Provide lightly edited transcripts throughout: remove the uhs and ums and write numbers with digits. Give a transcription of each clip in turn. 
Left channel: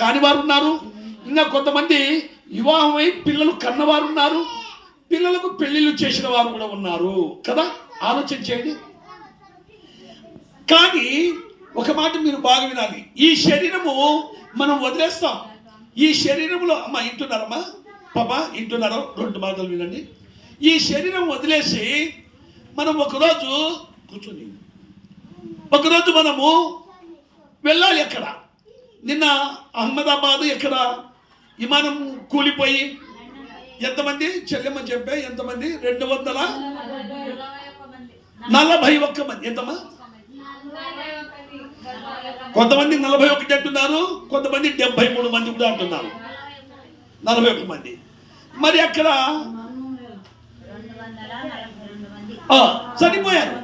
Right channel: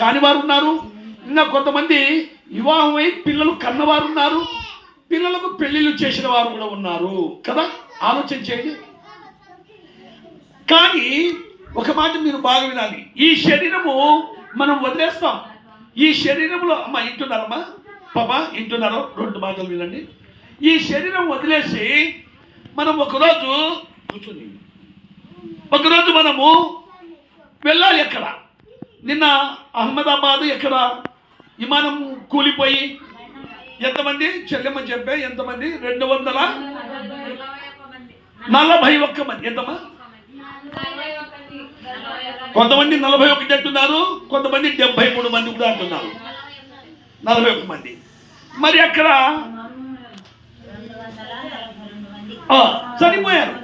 కాని వారు ఉన్నారు. ఇంకా కొంతమంది వివాహమై పిల్లలు కన్నవారు ఉన్నారు. పిల్లలకు పెళ్లిళ్ళు చేసిన వారు కూడా ఉన్నారు కదా. ఆలోచన చేయండి. కానీ ఒక మాట మీరు బాగా వినాలి. ఈ శరీరము మనం వదిలేస్తాం. ఈ శరీరంలో అమ్మ ఇంటున్నారమ్మా పాపా ఇంటున్నారో 2 మాటలు వినండి. ఈ శరీరం వదిలేసి మనం ఒకరోజు కూర్చొని మనము వెళ్ళాలి. ఎక్కడ నిన్న అహ్మదాబాద్ ఎక్కడ విమానం కూలిపోయి ఎంతమంది చెల్లెమ్మ చెప్పే ఎంతమంది 241 మంది. ఎంతమ్మా? కొంతమంది 41 అంటున్నారు, కొంతమంది 73 మంది కూడా అంటున్నారు. 41 మంది. మరి అక్కడ చనిపోయారు.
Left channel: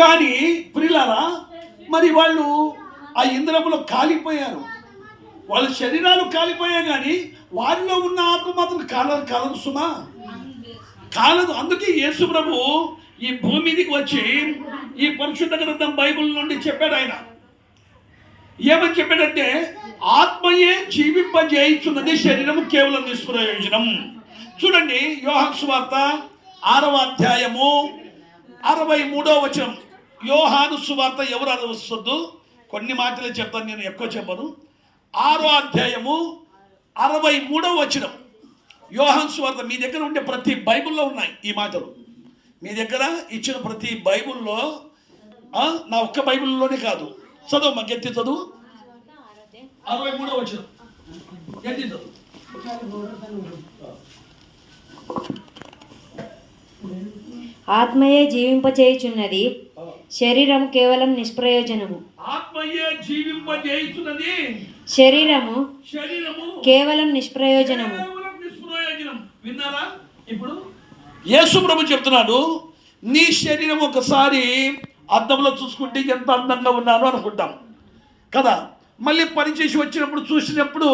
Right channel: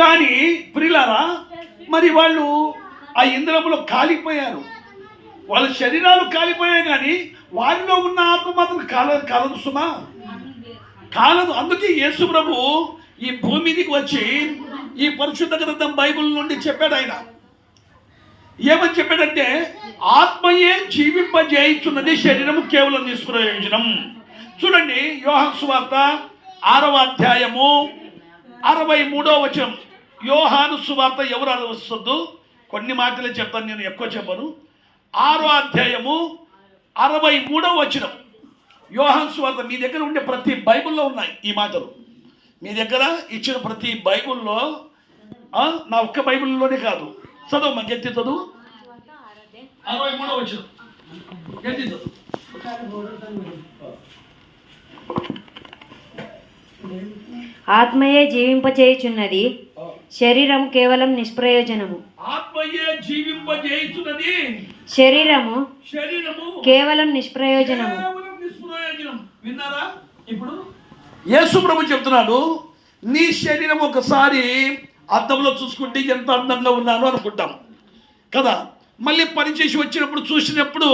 కానీ ప్రియులారా, మరి వాళ్ళు ఆ ఇంద్రములో కాలిపోయారు. వాళ్ళ శరీరాలు కాలిపోయాయి, కానీ వారిలో ఉన్న ఆత్మ మాత్రం కాలదు సుమా, కాలదు. అందుకే యేసు ప్రభు ఈ భూమి మీదకి వచ్చి ఈ పరిశుద్ధ గ్రంథం బైబిల్ నుండి చెప్పాడు. ఆయన ఏమని చెప్పాడంటే, ఆత్మయే జీవింపజేయుచున్నది, శరీరము కేవలం నిష్ప్రయోజనం. చూడండి, యోహాను సువార్త 6వ అధ్యాయము 63వ వచనం. యోహాను సువార్త ఎవరు అరవద్దు, కొన్ని మాటలే చెప్తాను, నేను ఎక్కువ చెప్పను. 6వ అధ్యాయము 63వ వచనం. యోహాను సువార్త మీ దగ్గర ఉండే ప్రతి బైబిల్లో ఉన్నాయి ఈ మాటలు. మీ దగ్గర ఇచ్చిన ప్రతి బైబిల్లో, నా ఒక్క బైబిల్లోనే కాదు, చదువు మా గట్టి చదువు. 63వ వచనం గట్టి చదువు. ఆత్మయే జీవింపచేయుచున్నది, శరీరం కేవలం నిష్ప్రయోజనము. ఆత్మయే జీవింపజేయుచున్నది, శరీరము కేవలం నిష్ప్రయోజనము. విన్నారా? ఇప్పుడు యేసు ప్రభు చెప్తున్నాడు, నీ శరీరం ఒకసారి అద్దంలో చూసుకుంటే ఎంత అందంగా ఉన్నానో అనుకుంటాం కదా. మళ్ళీ పనిచేసి వచ్చినప్పుడు చూసినప్పుడు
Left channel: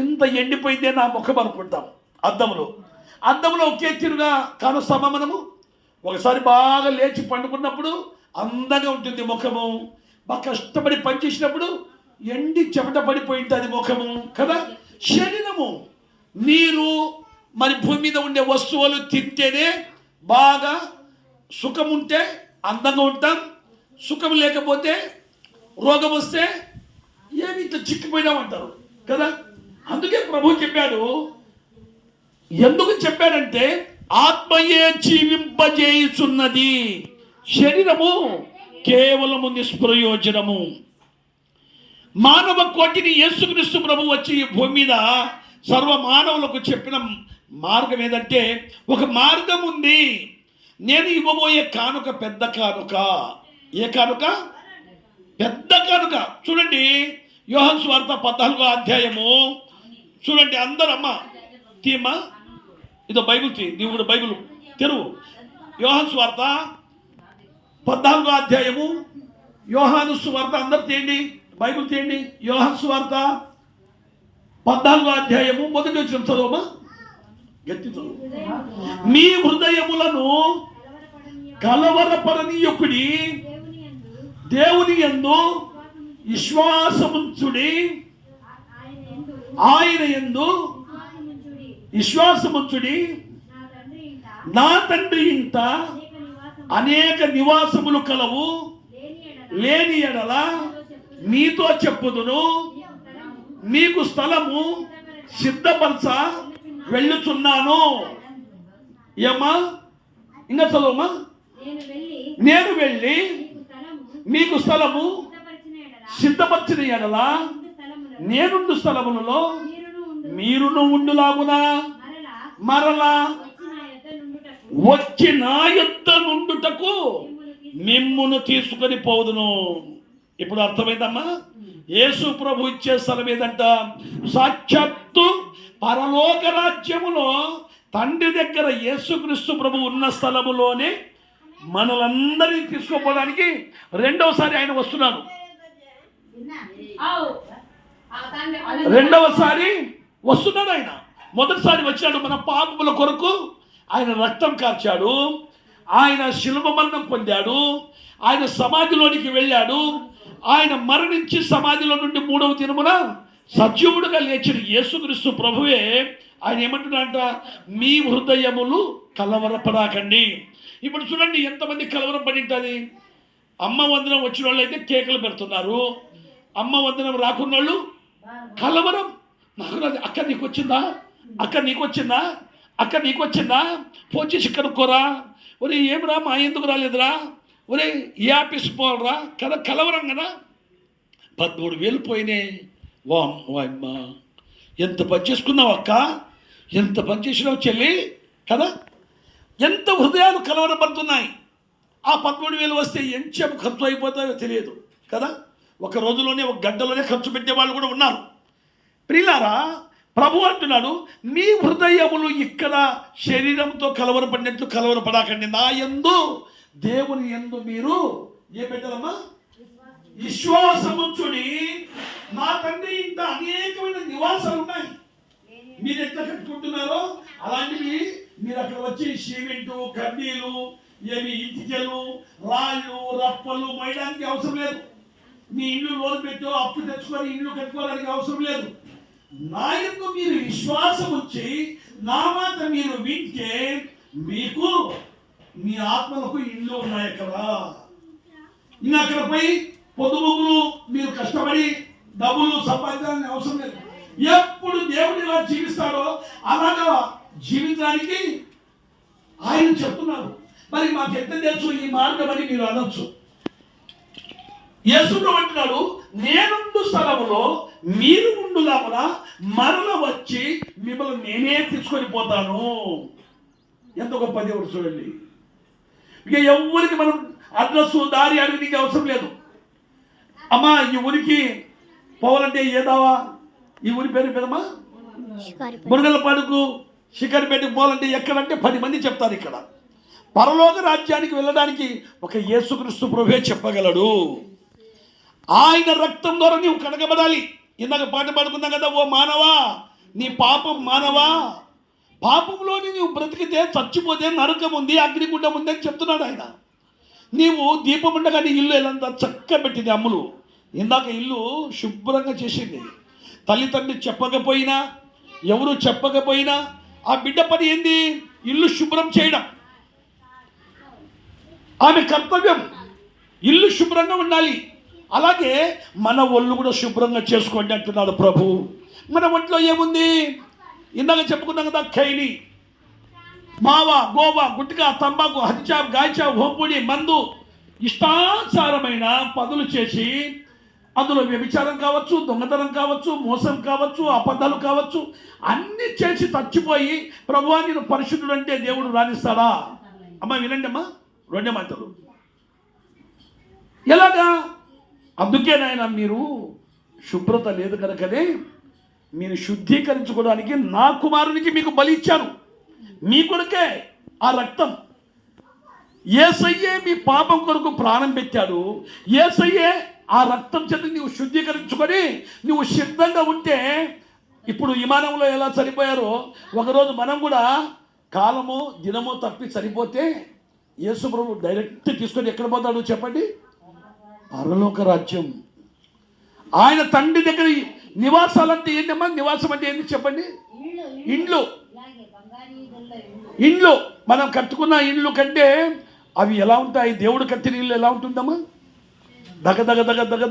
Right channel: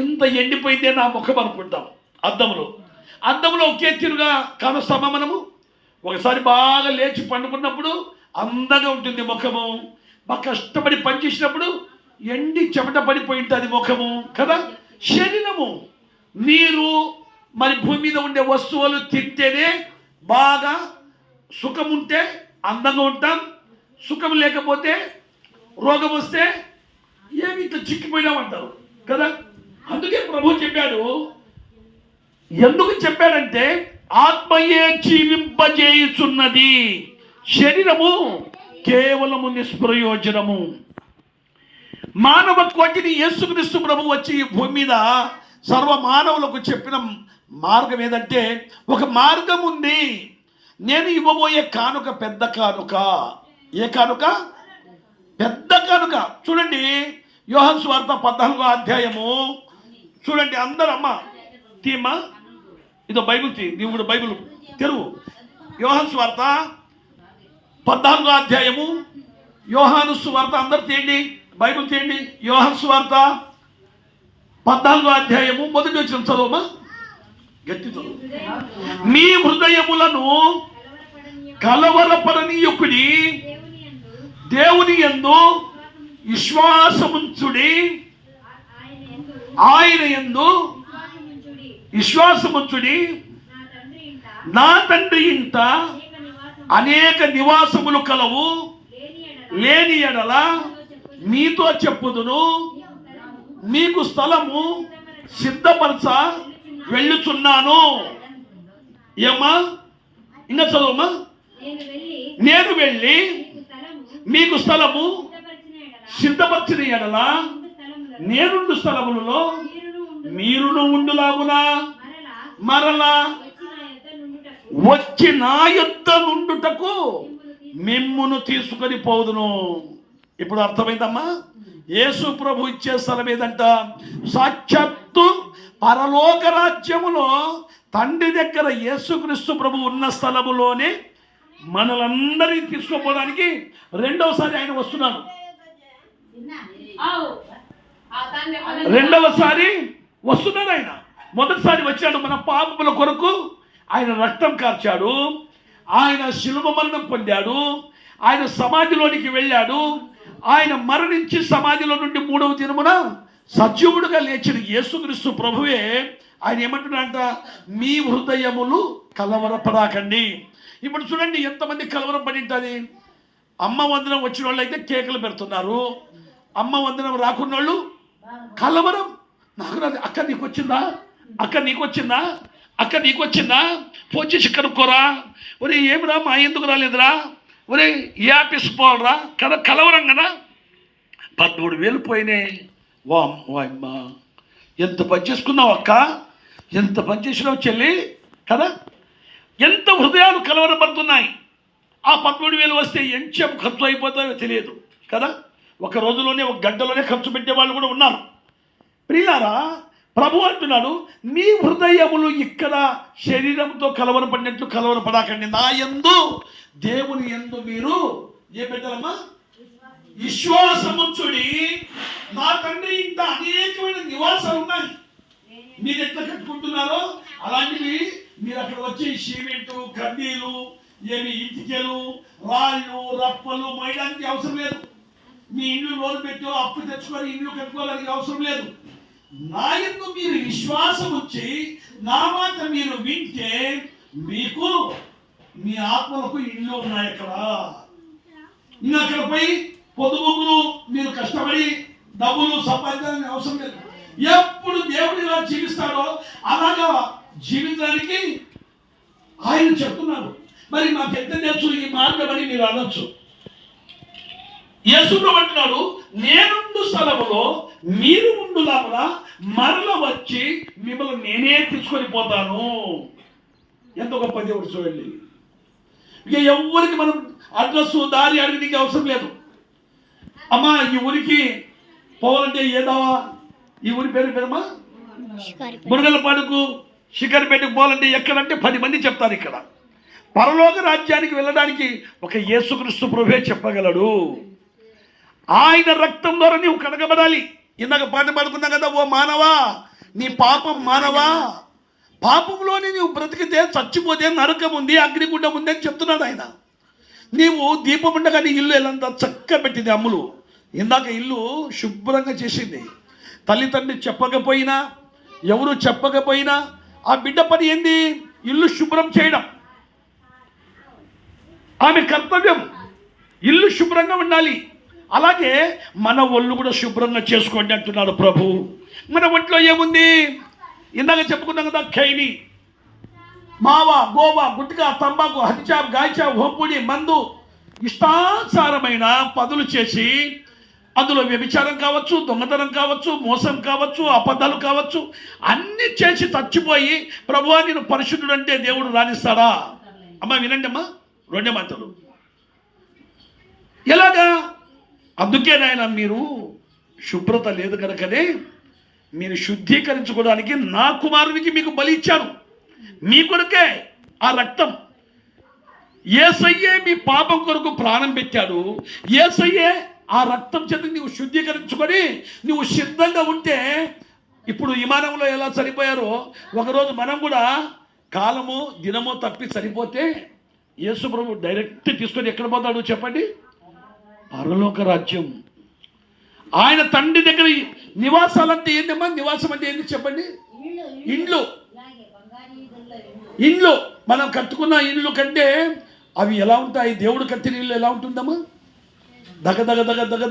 ఎంత ఎండిపోయిందే నా ముఖం అనుకుంటాం. అద్దంలో ఒకే తీరుగా కానొస్తామా మనము? ఒకసారి బాగా లేచి పండుకున్నప్పుడు అందంగా ఉంటుంది ముఖము. బాగా కష్టపడి పనిచేసినప్పుడు ఎండి చెమట పడిపోయి ఉంటుంది ముఖము కదా. శరీరము, నీరు, మరి భూమి మీద ఉండే వస్తువులు తింటేనే బాగా సుఖం ఉంటే అందంగా ఉంటాం. సుఖం లేకపోతే రోగం వస్తే ఏమి ఇట్లా చిక్కిపోయినామంటారు కదా. అందుకే ప్రభు చెప్పాడు. ఎందుకు చెప్పాడంటే, ఆత్మయే జీవింపజేయుచున్నది, శరీరము కేవలము నిష్ప్రయోజనము. మానవ కోటిని యేసుక్రీస్తు ప్రభు వచ్చి ఈ భూమి మీద సర్వ మానవులకు చెప్పిన మార్గం ఏదంటే, ఒక మార్గం ఉంది. నేను ఇవ్వబోయే కానుక పెద్ద కానుక. ఏ కానుక? పెద్ద కానుక. చూడండి, యోహాను సువార్త 14వ అధ్యాయము చూడండి. అందరూ అమ్మ తీమా, ఇదో బైబిల్ తీ, నీవు కూడా బైబిల్ తెరువు. యోహాను సువార్త 14వ అధ్యాయము. యోహాను సువార్త అందరు తీయండి, బైబిల్ తీయండి. యోహాను సువార్త 14వ అధ్యాయము 1వ వచనం చదువుమా, గట్టి చదువు. మీ హృదయములను కలవరపడనీయకుడి, దేవుని యందు విశ్వాసముంచుడి, ఆయన యందు విశ్వాసముంచుడి. నా తండ్రి ఇంట అనేక నివాసములు కలవు, లేని ఎడల మీతో చెప్పుదును, మీకు స్థలము సిద్ధపరచ వెళ్ళుచున్నాను. ఏమ్మా, ఇంకా చదువమ్మా. నేను వెళ్ళి మీకు స్థలము సిద్ధపరచిన ఎడల నేనుండు స్థలములలో మీరును ఉండులాగునా మరలా వచ్చి నా యొద్ద నుండుటకు మిమ్మును తీసుకొని పోదును. ఇప్పుడు అర్థమైందమ్మా? యేసు ప్రభు ఇచ్చే స్థలం ఏదంట? సాక్షాత్తు పరలోక రాజ్యములో తండ్రి దగ్గర యేసుక్రీస్తు ప్రభు ఉన్న స్థలములోనే మనలందరినీ తీసుకోపోవడానికి రెండవసారి ఆయన వస్తున్నాడు. రెండవసారి వస్తున్నాడు ఆయన. మొదటిసారి వచ్చాడు మన పాపముల కొరకు, ఆయన రక్తం కార్చాడు, ఆయన శిలువ మరణం పొందాడు, ఆయన సమాధిలోనికి వెళ్ళాడు, ఆయన మరణించి సమాధిలో నుండి 3వ దినమున సజీవుడుగా లేచిన యేసుక్రీస్తు ప్రభువే ఆయన ఏమంటున్నాడంట, మీ హృదయములు కలవరపడాకండి. ఇప్పుడు చూడండి ఎంతమంది కలవరం పడి ఉంటుంది. అమ్మ వందనం వచ్చిన వాళ్ళు అయితే కేకలు పెడుతున్నారు, అమ్మ వందనం రాకున్న వాళ్ళు కలవరం. నాకు రాదు, అక్క నీకు వచ్చిందా, అక్క నీకు వచ్చిందా, అక్క నీకు వచ్చిందా, పోచేసి కనుక్కోరా, ఒరే ఏమిరా మా ఎందుకు రాలేదురా, ఒరే ఏ ఆఫీస్ పోవాలరా కదా, కలవరం కదా. 13,000 పోయినాయి. అమ్మ ఎంత పని చేసుకున్నావు అక్క, ఎంత పని చేసినావు చెల్లి కదా. ఎంత హృదయాలు కలవరపడుతున్నాయి. ఆ 13,000 వస్తే ఎంచెం ఖర్చు అయిపోతాయో తెలియదు కదా. ఒక రోజులోనే ఒక గంటలోనే ఖర్చు పెట్టే వాళ్ళు కూడా ఉన్నారు. ప్రియులారా, ప్రభు అంటున్నాడు, మీ హృదయములు ఇక్కడ శరీరంతో కలవరపడినట్లు కలవరపడాకండి. నా యందు దేవుని యందు మీరు ఏ పెట్టాలమ్మా, విశ్వాసముంచుడి. నా తండ్రి ఇంత అనేకమైన నివాసాలు ఉన్నాయి, మీరు ఎట్లా కట్టుకుంటున్నారో అలాంటివి మీరు అక్కడ వచ్చి సిమెంటు, కడ్డీలు, ఏమి ఇటుకలు, రాళ్ళు, రప్పలు మోయడానికి అవసరం లేదు. మీ ఇల్లు లోన్ పెట్టో అప్పు తెచ్చుకొని ఇల్లు కట్టుకోవడానికి అవసరం లేదు. నా యందు మీరు విశ్వాసం వచ్చి నా మాట మీరు వింటే మీకు మీ ఆత్మలకు ఇల్లు ఉన్నాయి అక్కడ. ఇంకా అక్కడ పోయి పొదుపులు మీరు కష్టపడి డబ్బులు సంపాదించాలని అవసరం లేదు. ఎప్పుడు దేవుడు ఇలా జీవిస్తాడో అలాగా జీవించడానికి ఆయన చెప్తున్నారు. మరి మాకు ఎంత తెలుసు ఈ మార్గం అని మీరు అనొచ్చు. యేసుడు అంటున్నాడు, నేనుండు స్థలములో మీరు ఉండులామున మరల వచ్చి మిమ్మల్ని నేనే తీసుకొని పోతాను. ఎంత గొప్ప దేవుడు చూడండి. ఇక ఎవరికి మనం అడ్రస్ దారి అడిగితే అవసరం లేదు. అమ్మా ఈ ఊరికి పోవాలంటే ఏదావా, ఈ ఊరి పేరమ్మా మురుగలపాడుకు శిఖరిపేటకు పోవాలంటే ఎక్కడంటే 10 మంది చెప్తారు. ఇక్కడ పరలోక రాజ్యానికి వెళ్ళడానికి ఒక యేసుక్రీస్తు ప్రభువే చెప్పగలడు. ఆయన రక్తం ద్వారా నీవు కడగబడాలి. ఇందాక పాట పాడుకున్నాం కదా, ఓ మానవా నీ పాపం మానవా, పాపంలోని నీవు బ్రతికితే చచ్చిపోతే నరకం ఉంది, అగ్నిగుండం ఉంది అని చెప్తున్నాడు ఆయన. నీవు దీపం ఉండగా నీ ఇల్లు ఎలా చక్కగా పెట్టింది అమ్ములు. ఇందాక ఇల్లు శుభ్రంగా చేసింది. తల్లిదండ్రి చెప్పకపోయినా, ఎవరు చెప్పకపోయినా ఆ బిడ్డ పని ఏంది, ఇల్లు శుభ్రం చేయడం. ఆమె కర్తవ్యం, ఇల్లు శుభ్రంగా ఉండాలి. అలాగే మన ఒళ్ళు కూడా శుభ్రంగా చేసుకోండి అంటున్నాడు ప్రభు. మన ఒంట్లో ఏముంది, ఇందాక చెప్పుకున్నాం కదా, ఖైని, మావా, గోవా, గుట్కా, తంబాకు, హత్యాబ్, గాయచాబ్, హోంపుడి, మందు, ఇష్టానుసారమైన పదులు చేసి అందులో వ్యభిచారం కావచ్చు, దొంగతనం కావచ్చు, మోసం కావచ్చు, అబద్ధాలు కావచ్చు, అన్ని చేసి చచ్చిపోయి ప్రభువా నేను పరిశుద్ధుడు అంటే దేవుడు రాణిస్తాడా? అమ్మ వినండి అమ్మా, 2 మాటలు. ఎలాగా? అందుకే నాయన మీరు శుభ్రత లేదు కనుకనే మీరు శుద్ధీకరించుకోవడానికి నా కుమారునికి మీకు బలి ఇచ్చాను. మీ కొరకే ఆ రక్తం. యేసయ్యే మీ పాపం కొరకు ప్రాణం పెట్టాడు. యేసయ్యే ఆ రక్తం చేత నువ్వు శుద్ధీకరించుకొని నువ్వు సిద్ధంగా ఉంటే, ఇప్పుడు విమానంలో ఎలా చనిపోయారో ఒకరోజు మనం కూడా కాలము దినము తప్పి చనిపోతే యేసు ప్రభు డైరెక్ట్ తీసుకొని ఎక్కడ పోతాడు చెప్పండి? పరలోక రాజ్యం. ఆయన తండ్రి దగ్గర నివాసాలంటే ఏంటమ్మా? నివాసం అంటే ఏంటి చెప్పండి? ఇండ్లు. ఇండ్లు మనం కట్టుకున్న ఇండ్లు కంటే అవి ఎలా ఉంటాయి? దేవుడు కట్టిన ఇల్లు ఎలా ఉంటుందమ్మా? దగ దగ దగ దగ